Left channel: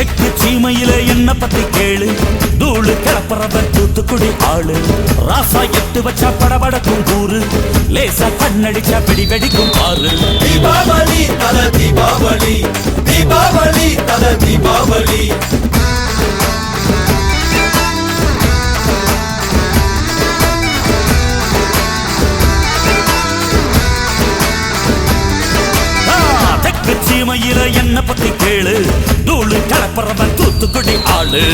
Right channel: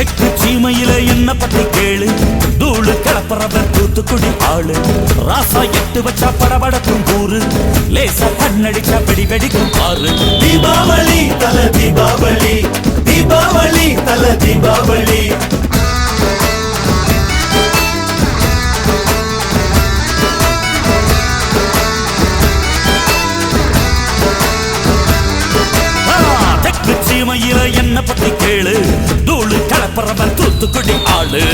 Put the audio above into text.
தெற்கு சீமையில என்ன பத்தி கேளு, தூளு கிளப்புறவன் தூத்துக்குடி ஆளு. ராசா எட்டு வச்சா படபடக்கும் கூறு, லேசா கண்ணடிச்சா வெடி வெடிக்கும் பாரு. தீபாவளி தல தீபாவளி, தீபாவளி தல தீபாவளி. தெற்கு சீமையில என்ன பத்தி கேளு, தூளு கிளப்புறவன் தூத்துக்குடி ஆளு.